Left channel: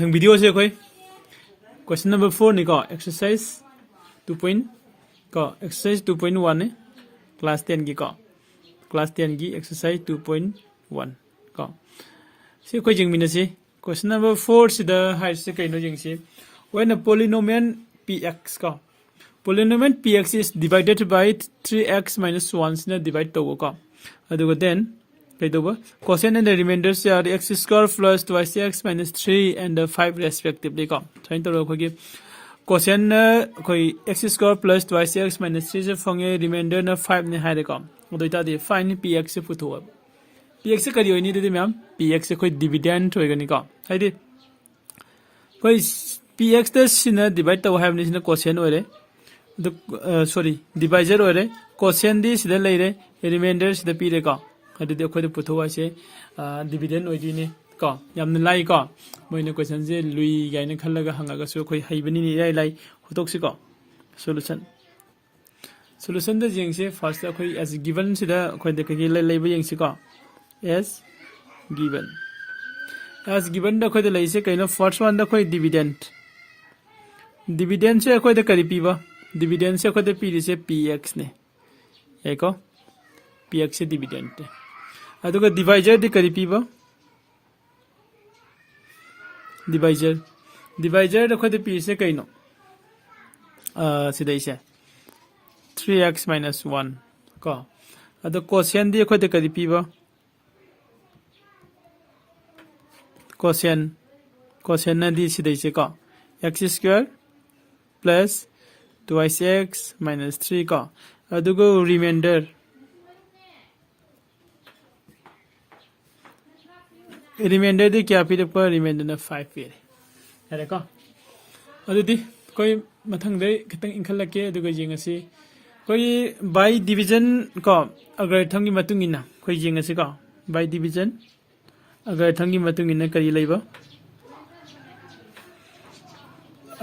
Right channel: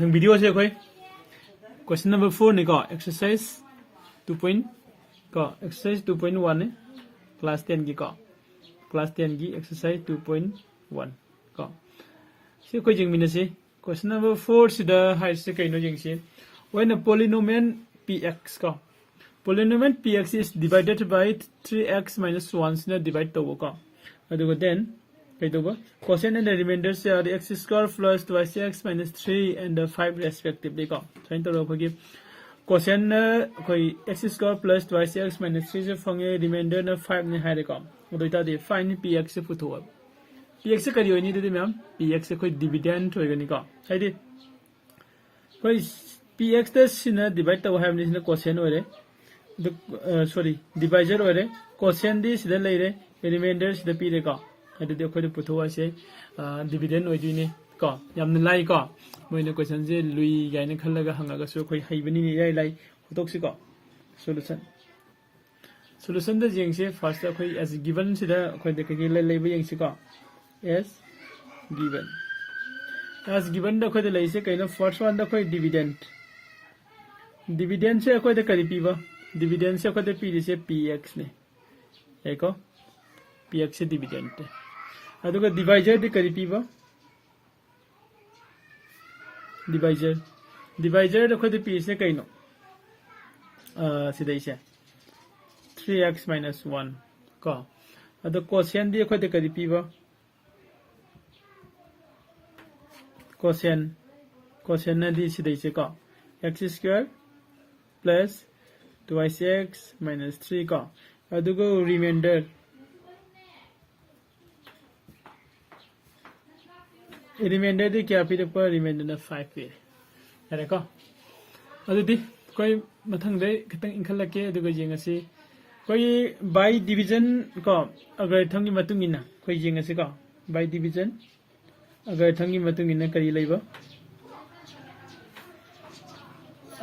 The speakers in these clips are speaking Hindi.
thằng video se khoi question number 4 ni ko exercise 2 point ko exercise 2.1 ne class 10 gi ko class 10 gi exercise 2.1 ko se khoi jing min se question number 4 si da high se kai no jing se when a polynomial px ko polynomial px is divided by 3x minus 1 na divide to ko aduga then cosine and the remainders are x square plus 2x minus 3 and 5 respectively. So in total, cosine x square plus 2x minus 3 is remainder 5 ne hai ko. Odoita de find px put up. Px ka dio ni de ma'am px koi dividend hoega ni ko. Hai de koi px the sin divide to have ni cosine ore. Sorry divisor ore cosine di sida lai re remainder sida pi re ko. अदुदे अखोय पुथोवा से डिविडेंड ओइदिने को यामन लाई को मोइने क्वेश्चन जे लुई गाइने खल्लगा हंगागा सो अखोय हाइबनि नि लाई लाई हुतोक्सि को सॉल्यूशन द जिंगसे फर्स्ट अखोय एज गिवन सिदा अखोय दे कगे लाई लाइबो यंगसि को एज गिवन द अखोय दे लाइसे कइनो फर्स्ट वन द अखोय डिविडेंड से अखोय दे करि पिबा डिविडेंड से अखोय दे पिरि से px ने एको px से डिविडेंड अदुगा डिवाइजर दे करि पिबा डिवाइजर द खदे पि से कइनो सिदै से 3x minus 1 को अदु कोसेन दे खदे करि पिबा कोसेन न दि सिदै से को x square plus 2x minus 3 को अदुगो रिमाइंडर रिमाइंडर दे क्या फिर पर रिमाइंडर ना 5 फिर है को अदुदी कोई मथंग दे खतंग इंखल लके दुगा जिंगसी कोई बाय डिवीजन को अगर थंगी मतुंगिना कोई जिंगसी को बाय डिवीजन अगर थंगी मतुंगिना करी लेबा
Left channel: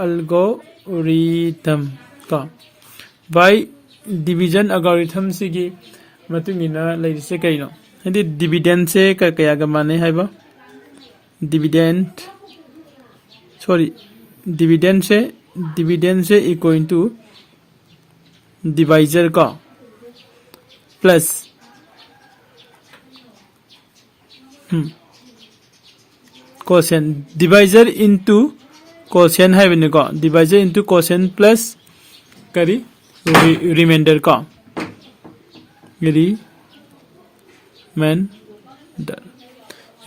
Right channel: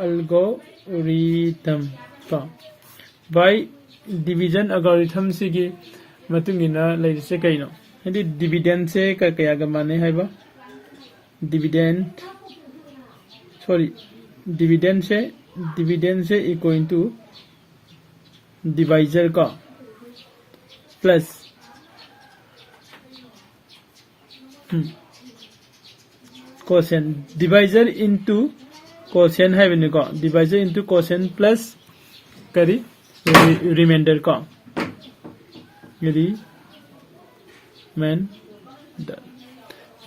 एल्गोरिथम को बाय डिवीजन एल्गोरिथम सिगी मतुंगिना लेसे कइनो हिंदी डिविडेंड से कया ग माने हाइबा डिविडेंड से इक्वल टू डिवाइजर का plus quotient divisor into quotient है बने को डिवाइजर इनटू कोसेन प्लस करी रिमाइंडर का रिमाइंडर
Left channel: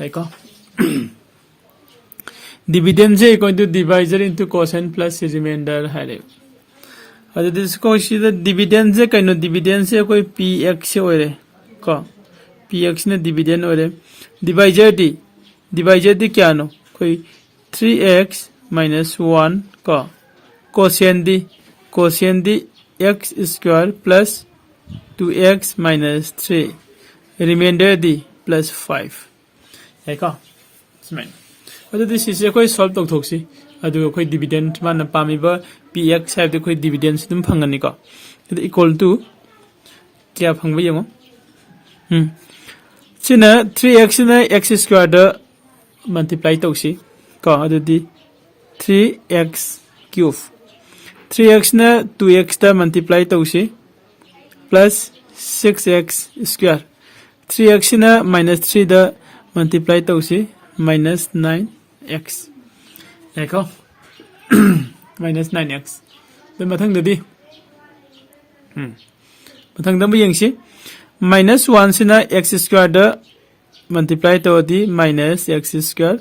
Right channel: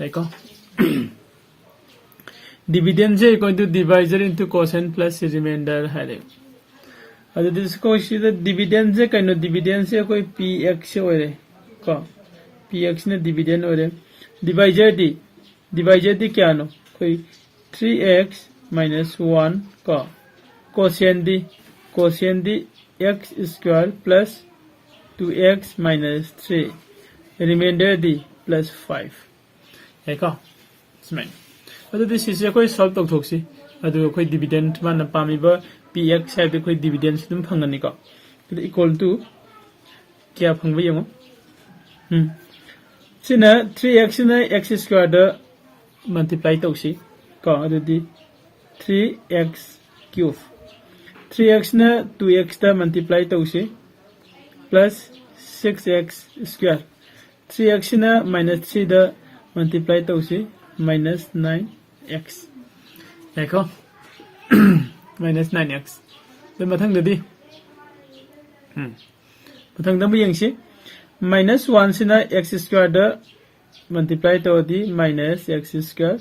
है को डिविडेंड से equal to divisor into quotient plus remainder है रे अदे दिसको इसी डिविडेंड से कइनो डिविडेंड से कोई px से ओरे को px ने डिविडेंड ओरे डिवाइजर दी क्या नो कोई 3x minus 1 को कोसेन दी x square plus 2x minus 3 remainder दी प्लस 5 है को स्माइल अदु दिस इज कोई सॉल्व तो थोक्सी अदु कोई डिविडेंड मान पामिबा px है तो कोई डिविडेंड तुम फंगनी को इक्वल टू क्या फंगबे यमो सिना 3x ना x स्क्वायर द मल्टीप्लाई तोसी को अदु दी 3x क्यूब 3x ना 2x द मल्टीप्लाई तोसी प्लस 6x स्क्वायर 3x ना -3 द मल्टीप्लाई तोसी minus 9x एको minus 9x तो मथंग ददी मथंग दम यंगसी minus 1 से ना x स्क्वायर द मल्टीप्लाई तो दी minus x स्क्वायर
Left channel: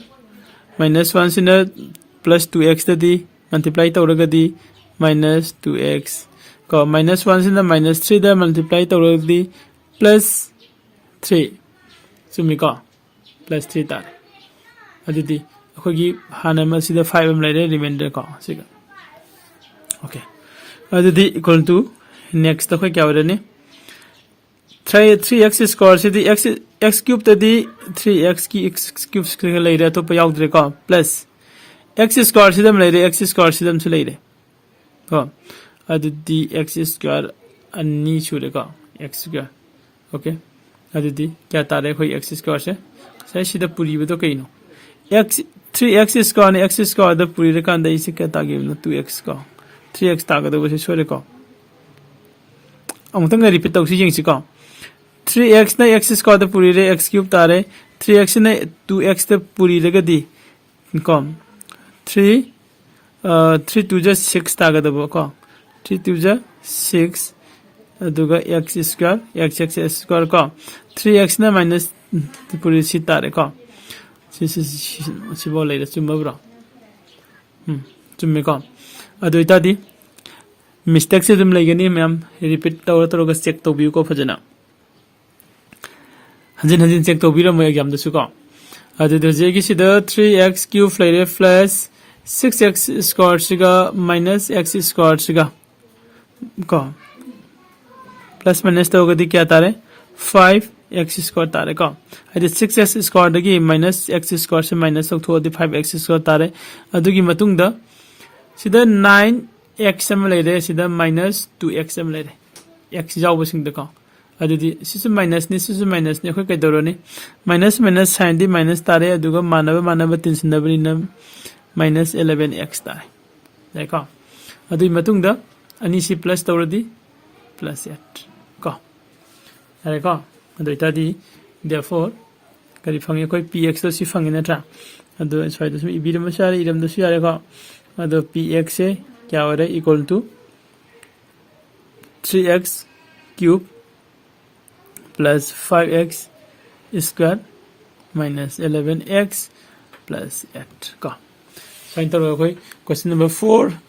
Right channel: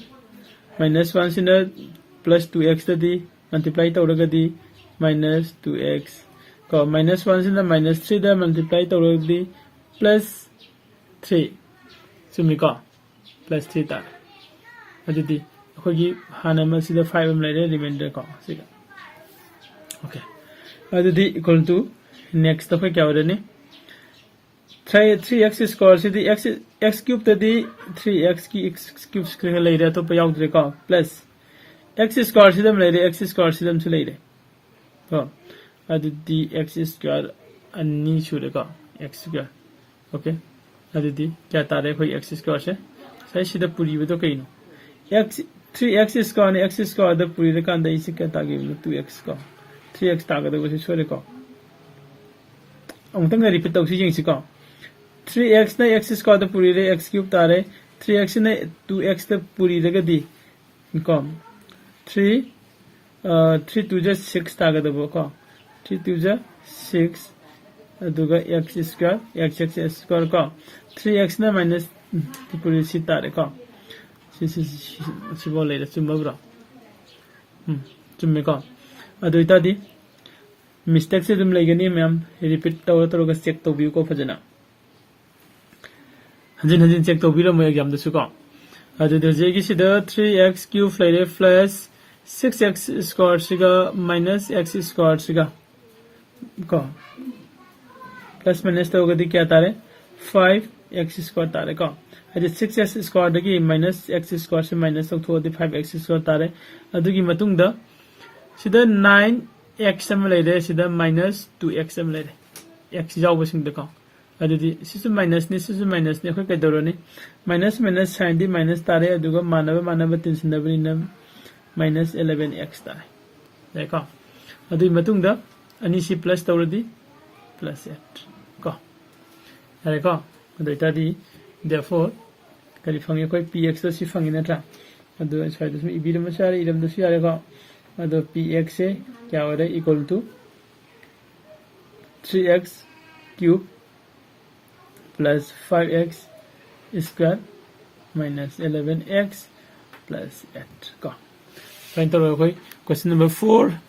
minus 1 से ना plus 2x ददी मल्टीप्लाई तो रगा दी minus 2x को minus 1 से ना minus 3 द मल्टीप्लाई तो रगा दी plus 3 सुमी को plus 3 तार अदुदी अखोगी हाना मसिदा 5 अम लाइरे रिमाइंडर को सिगा ओके अदुदी इक्वल टू नेक्स्ट अखोय क्या वरने 3x स्क्वायर से दी x क्यूब तदी 3x की x क्यूब स्क्वायर लाइरे तो पयाउद्रे को प्लस x स्क्वायर से दम लाइरे x स्क्वायर से दम से लाइरे को अदुदी x स्क्वायर अन्नी छुरे को x स्क्वायर ओके अदुदी क्या तारे कोई x स्क्वायर से सही सीधा पूरी वो तो कहीं no x 3x square ne x square da puri re kan da isi ka ta gi 2x ko 3x ta ga da bo se sore ko amtang repeat tau si jing si ko 3x na x square da puri re x cube ta re 3x na 2x da puri re ga di ko 3 3 2 ja 6 ta ga da bo ko 3 2 ja 6 aduga x square x square ko 3x na minus puri si ta re ko si bo le chum bro chum me ko adu ita di mistake se dum legani ma'am repeat taw ga check to bi ko phajana hanjin check to bi ro mo exam da su ko adu de je gi si da 3x cube flare plus 6x squared siga minus x squared siga ko plus minus to ga di kya tare 5x squared tare ko adi 6x squared gi minus x squared se minus to the 5x squared tare adu gi matung da sida 9x am lere sida minus 2x am lere x jaw basing da ko adu di sisu minus ni khoi kai doro ni minus sign di minus tare adu ga manaba tension da bani na minus 11x tare देखो adu matung da ani si plus tawradi plus 8 ko देखो adu ita di therefore kari phangi koi px to si phangi na tra adu swai da ibi da masari iram da si are ko adu px se kya ho raha equal to 3x cube plus 5x square minus 11x plus 8 ko find the question number 4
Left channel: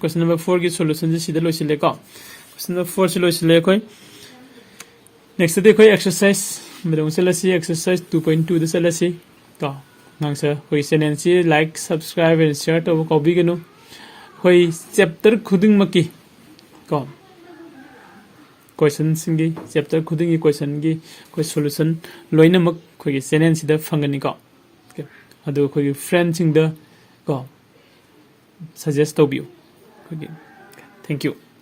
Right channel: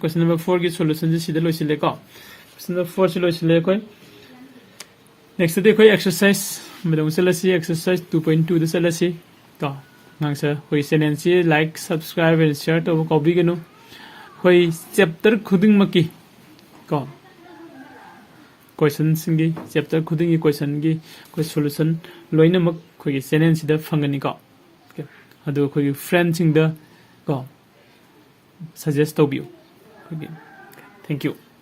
question number 4 की solution जी सीधे लोग सिले का question number 4 सिलो सिले कोई next day कोई exercise मेरे उनसे लसी exercise 2.2 दे लसी का नांग से कोई channel से like subscribe and share तो कॉपी करो कोई chapter खुदिंग मकी का question सिंगी chapter खुदिंग की question की कोई solution लोइने मक कोई channel सीधे फंगनी का अदो कोई friend सिंग द को suggest to you. Okay. Thank you.